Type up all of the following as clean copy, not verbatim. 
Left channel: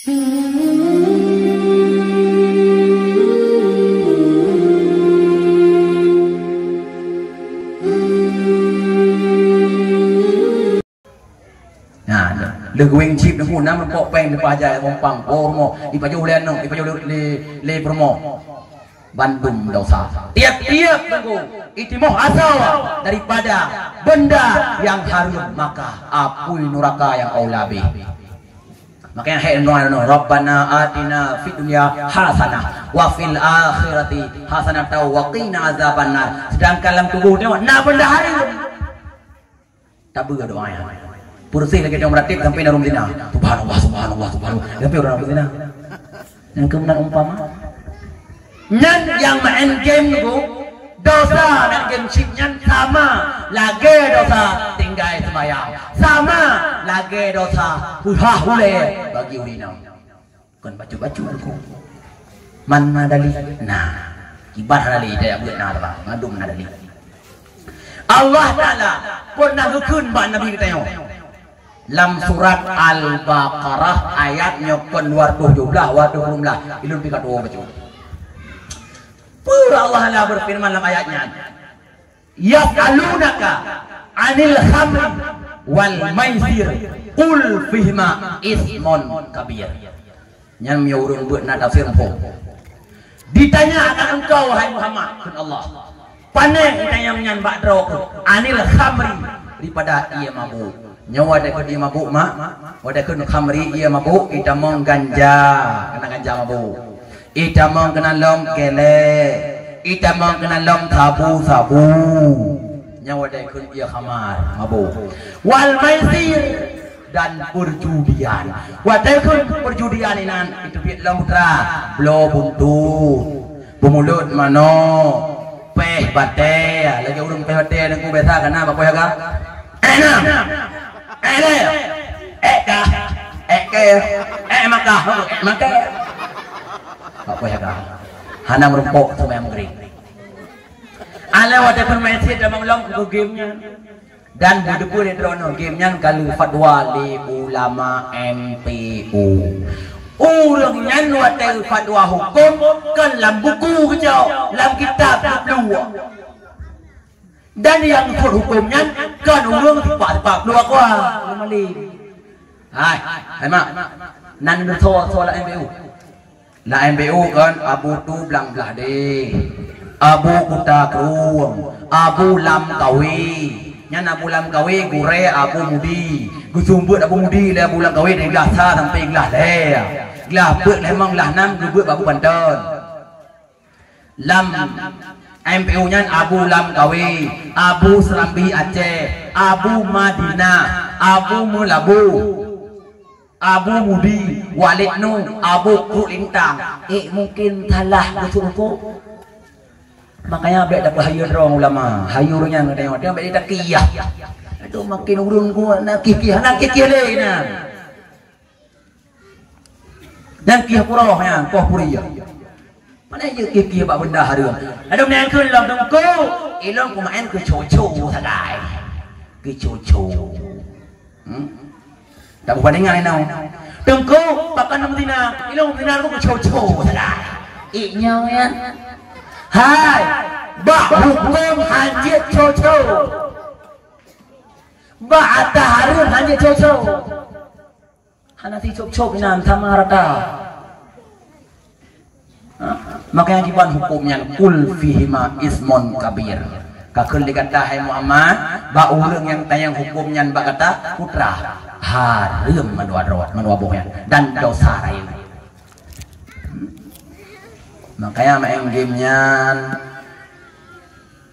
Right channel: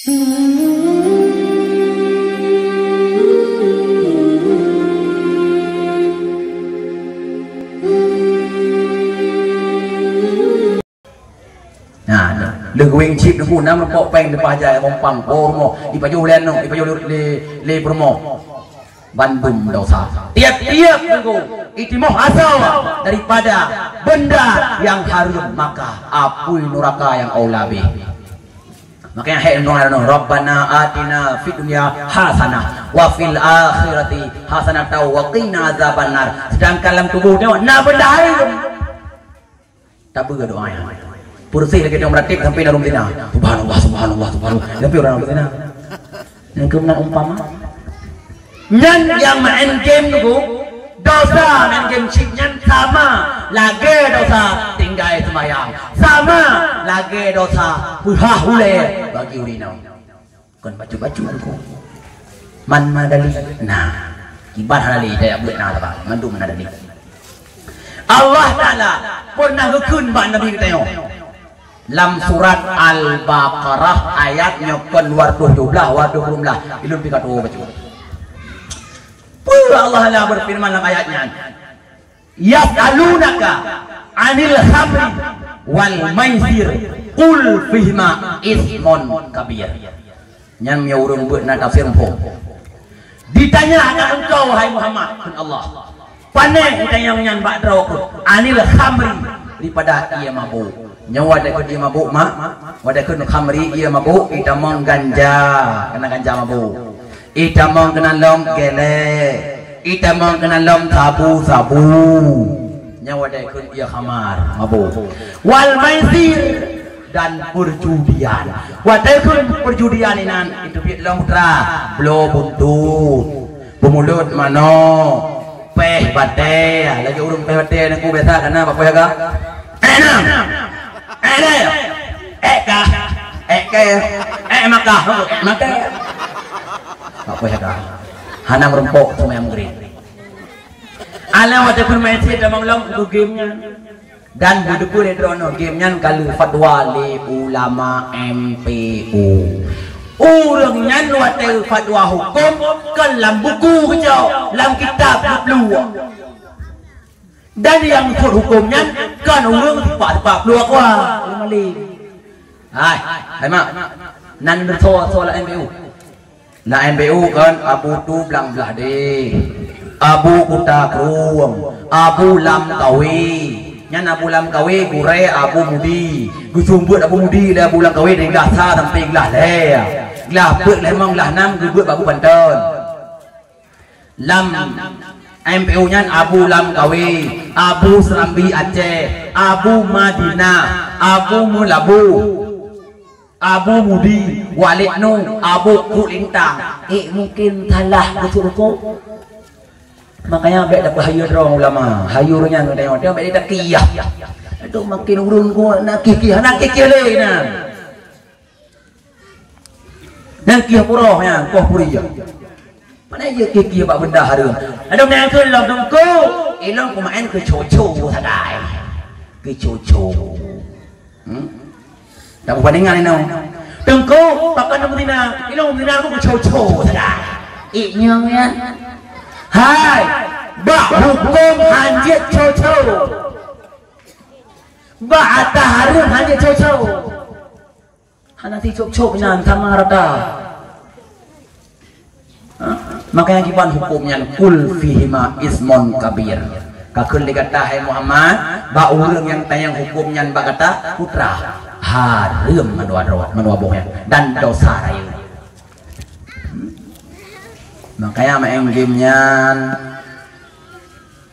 Wing chip na po naman po peng lepas aja bong pang pormo ipayo len no ipayo le promo Bandung dosa tiap-tiap minggu itu mau asal daripada benda yang harum maka apui neraka yang aulabi makanya hayat no Rabbana atina fid dunya hasanah wa fil akhirati hasanah wa qina azabannar sedangkan dalam tubuhnya na benda harum tak begitu doanya Pursih lagi dia meratip sampai narum zina. Subhanallah, subhanallah, subhanallah. Tapi orang narum zina. Yang kemudian umpama. Nyan yang main game itu dosa main game chip nyan sama lagi dosa tinggal semayang sama lagi dosa hule bagi urinau. Kon baju-baju aku. Man madali. Nah, kibar hadali dia buat nak apa? Mandum nadali. Allah Taala pernah hukun bak Nabi kita yo. Lam surat Al-Baqarah ayatnya kon 217 220 ilun pikat baca. Allah Taala berfirman dalam ayatnya. Yas'alunaka 'anil khamri wal maisir qul fihima ismun kabir. Nyam ya urang buat na tafsir po. Ditanya akan engkau hai Muhammad Allah. Paneng ditanya nyan bak draw 'anil khamri daripada ia mabuk. Nyawa dah dia mabuk mak, wadah kun khamri ia mabuk, ita mong ganja, kena ganja mabuk. Ita mong kena lom gele, ita mong kena lom sabu. Nyawa dah kun ia khamar mabuk. Wal maisir dan perjudian. Wadah kun perjudian inan itu biat lamutra, blo buntut, bumulut mano, peh bate, lagi urung peh bate nangku biasa kena apa ya kak? Maka tak boleh dah. Hana merumpok semua yang green. Alam ada permainan dalam malam itu gamenya dan budak boleh drono gamenya kalau fatwa li ulama MPU. Orangnya nuat fatwa hukum kan dalam buku kejauh, dalam kitab luar. Dan yang hukumnya kan orang tipak-tipak luar kuah malin. Hai mak nan bersoal MPU. Nah MPU kan Abu tu belang belah deh. Abu kuta kruang, Abu lam kawi. Nyan Abu lam kawi gure Abu mudi. Gusumbut Abu mudi le Abu lam kawi dari belah sa sampai belah le. Belah beut lemong belah nam beut babu Banten. Lam MPU nya Abu Lam Kawi, Abu Serambi Aceh, Abu Madinah, Abu Mulabu, Abu Mudi, Walid Nung, Abu Kulintang. Mungkin salah betul-betul. Makanya baik dapat hayur orang ulama, hayurnya tengok dia baik dia takiyah. Itu makin urung gua nak kikih le nah. Nak kikih purahnya, kau puriya. Mana je kiki bak benda harum. Ada yang kun lam dongko, ilong kumain ke coco sadai. Ke coco. Tak perbandingan ini. Dongko pakan Medina, ilong Medina aku ke coco sadai. Iknya ya. Hai, bak hukum hanjit coco. Bak ata harum hanjit coco. Hanati cocok inan tamarada. Makanya kipan hukumnya kul fihima ismon kabir. Kakul dikata hai Muhammad, ba urang yang tayang hukumnya ba kata putra harum menua bohnya dan dosa raya. Makanya main gamenya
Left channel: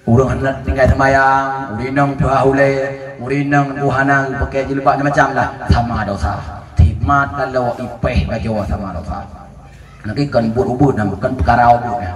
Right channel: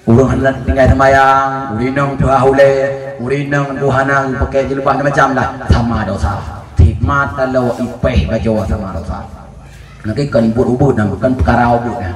urang hendak tinggal sembahyang, urinang bahule, urinang buhanang pakai jilbab macam lah sama dosa. Timat kalau ipeh bajo sama dosa. Nanti kan ubud-ubud dan bukan perkara ubudnya.